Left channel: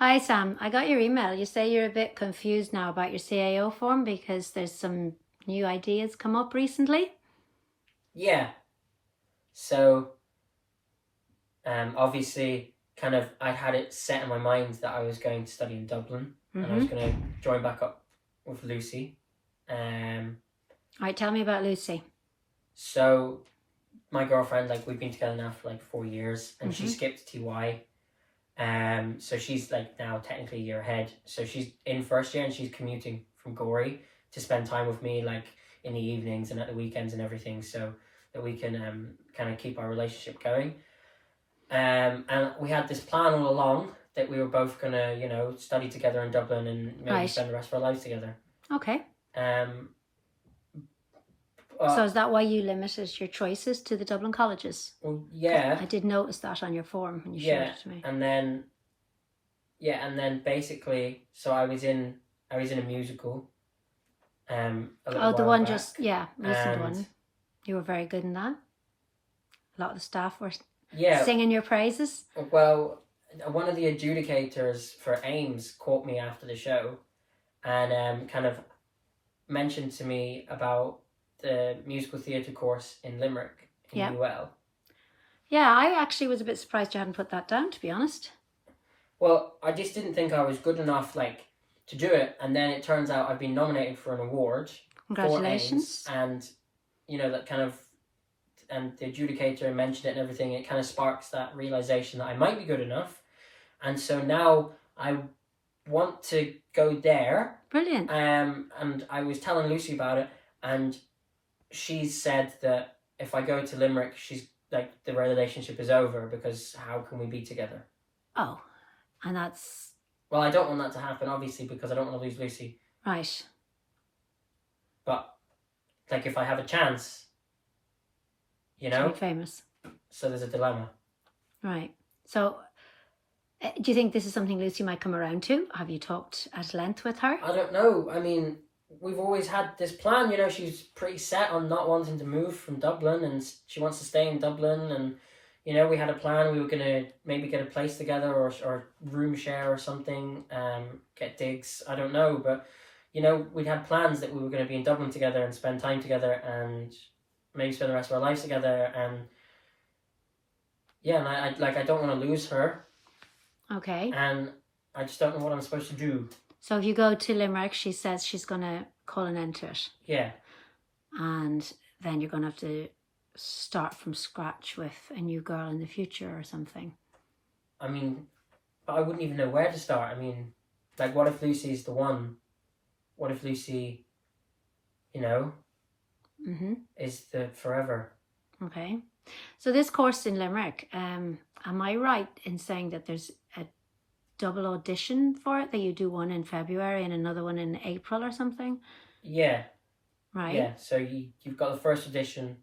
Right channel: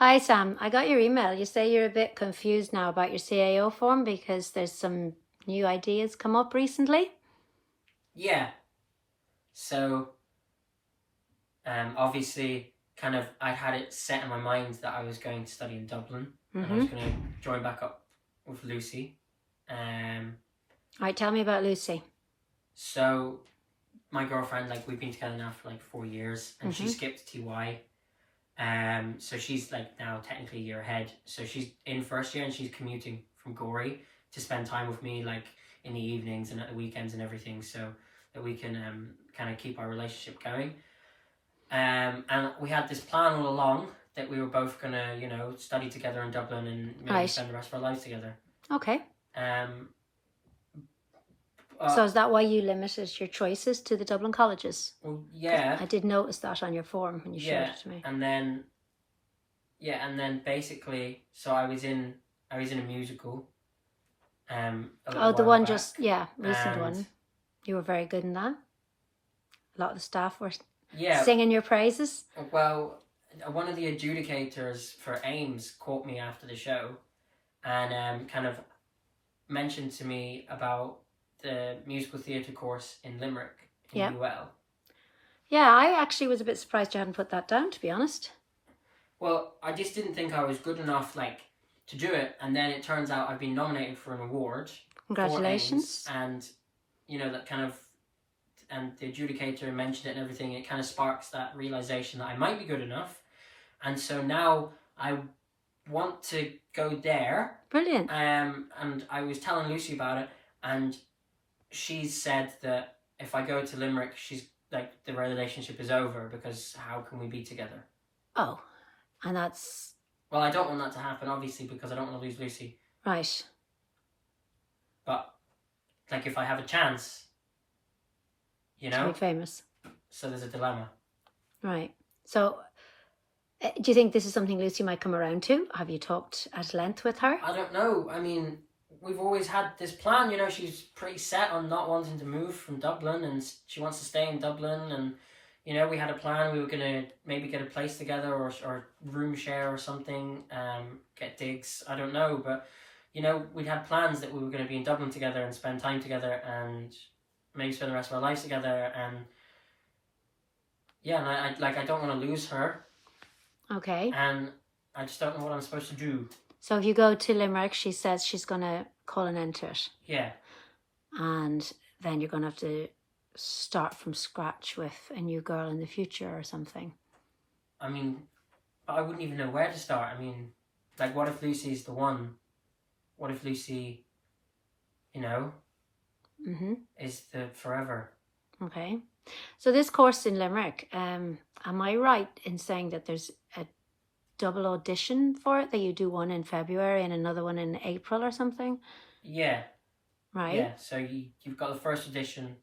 Hi Sam, I got your email. You say you're a bit confused now about your CAO form because there's some new ideas come up recently. Yeah. So, obviously, I had it set in my mind that I was going to study in Dublin and I was going to join back up with Lucy. Right, tell me about Lucy. So, my girlfriend, we've been together now for 4 years, and she skipped TY. So she's now technically a year ahead. So she's in first year and she's commuting from Gorey to spend time with me in the evenings and at the weekends and everything, so that we can kind of keep our relationship going. And we had this plan all along that we were both gonna, study together in Dublin and maybe spend the rest of our lives together. Okay. So is that why you limited your choices to the Dublin colleges? Well, yeah. I did notice that on your form when you showed it to me. And then basically, so I was in a musical. The one back. Recent one. You were very good in that. A lot of the staff were singing your praises. Well, one of the adjudicators for Ames caught me after the show and kind of mentioned to me about the musical theatre course in Limerick in UL. Yeah, I actually was a bit surprised you hadn't put that down, to be honest. Well, I just didn't think I was good enough to do it, and then it turns out I've been nominated for an award. Congratulations. For Ames, and that kind of, and the adjudicator mentioned it and everything. It kind of sparks that realization that I might be good enough, and so now I want to go there. Brilliant. And I was telling Lucy about it, and she said that if I go to Limerick, she's the relationship is over because how can we be together? Oh, and that's... Well, I don't want that to happen, obviously, because I don't want to lose Lucy. Right. But, if I have a chance, to be famous. So there's a dilemma. Right. So, do you think this is something Lucy might come around to? Have you talked at length with her? I don't know. I mean, we've always had this plan, she's pretty set on not wanting to move from Dublin, and she wants to stay in Dublin, and, we had a plan. We were going to maybe get a place together or room share or something, get digs, I don't know, but, we had plans that we were going to be in Dublin together and spend time together and maybe spend the rest of our lives together, and, and I don't want to lose her. Okay. And I just don't know what I'm supposed to do. So if you go to Limerick, she says she's going to call an end to it. Yeah. And then you're going to have to start from scratch with a new girl in the future or something. I mean, but I wouldn't even know where to start. I mean, what if Lucy's the one? What if Lucy, is the forever? Okay. So this course in Limerick, am I right in saying that there's a double audition for it, that you do one in February and another one in April or something? Yeah. Right. Yeah, so you've got the first audition,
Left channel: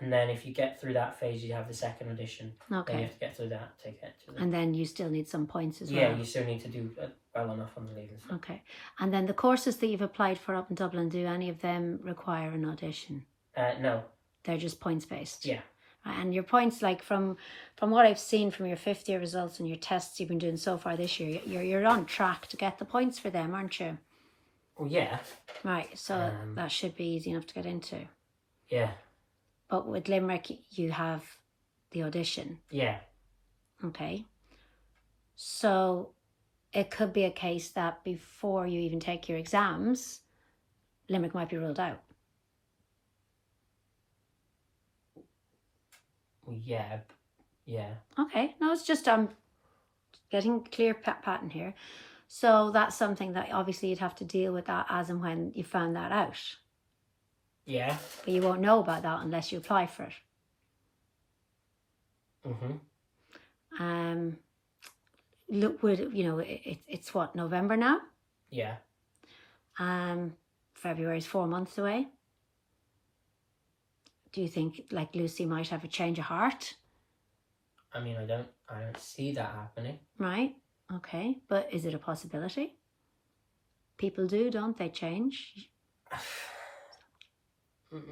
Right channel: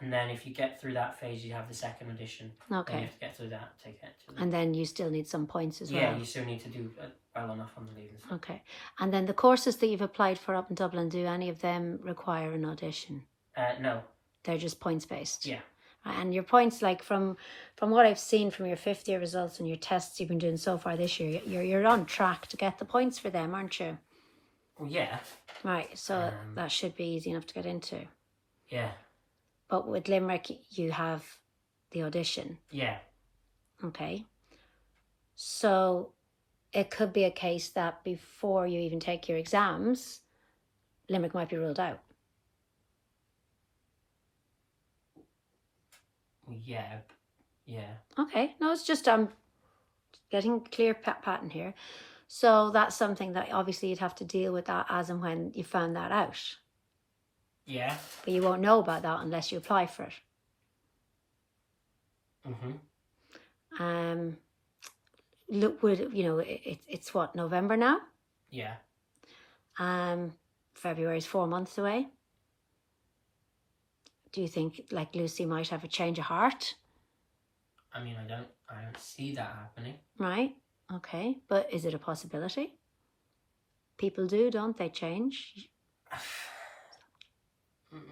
and then if you get through that phase, you have the second audition. Okay. Then you have to get through that, take it. And then you still need some points as well. Yeah, you still need to do well enough on the leavers. Okay. And then the courses that you've applied for up in Dublin, do any of them require an audition? No. They're just points based? Yeah. And your points, from what I've seen from your fifth year results and your tests you've been doing so far this year, you're on track to get the points for them, aren't you? Well, yeah. Right, so that should be easy enough to get into. Yeah. But with Limerick, you have the audition. Yeah. Okay. So it could be a case that before you even take your exams, Limerick might be ruled out. Yeah. Yeah. Okay. No, it's just I'm getting clear pattern here. So that's something that obviously you'd have to deal with that as and when you found that out. Yeah. But you won't know about that unless you apply for it. Look, it's what, November now? Yeah. February's 4 months away. Do you think Lucy might have a change of heart? I mean, I don't see that happening. Right. Okay. But is it a possibility? People do, don't they, change?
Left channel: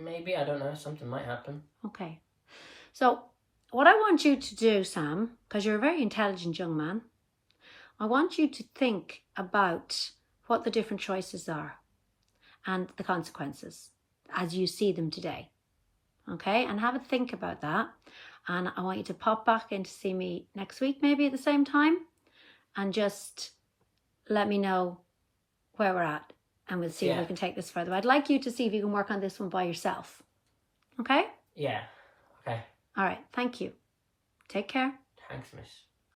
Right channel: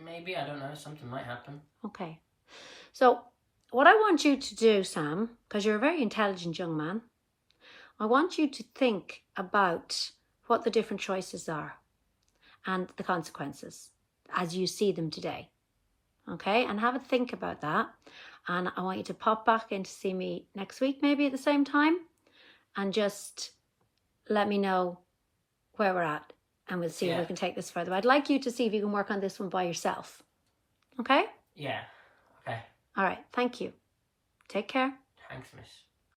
Maybe, I don't know, something might happen. Okay. So what I want you to do, Sam, because you're a very intelligent young man, I want you to think about what the different choices are and the consequences as you see them today. Okay, and have a think about that. And I want you to pop back in to see me next week, maybe at the same time, and just let me know where we're at, and we'll see if we can take this further. I'd like you to see if you can work on this one by yourself. Okay? Yeah. Okay. All right. Thank you. Take care. Thanks, miss.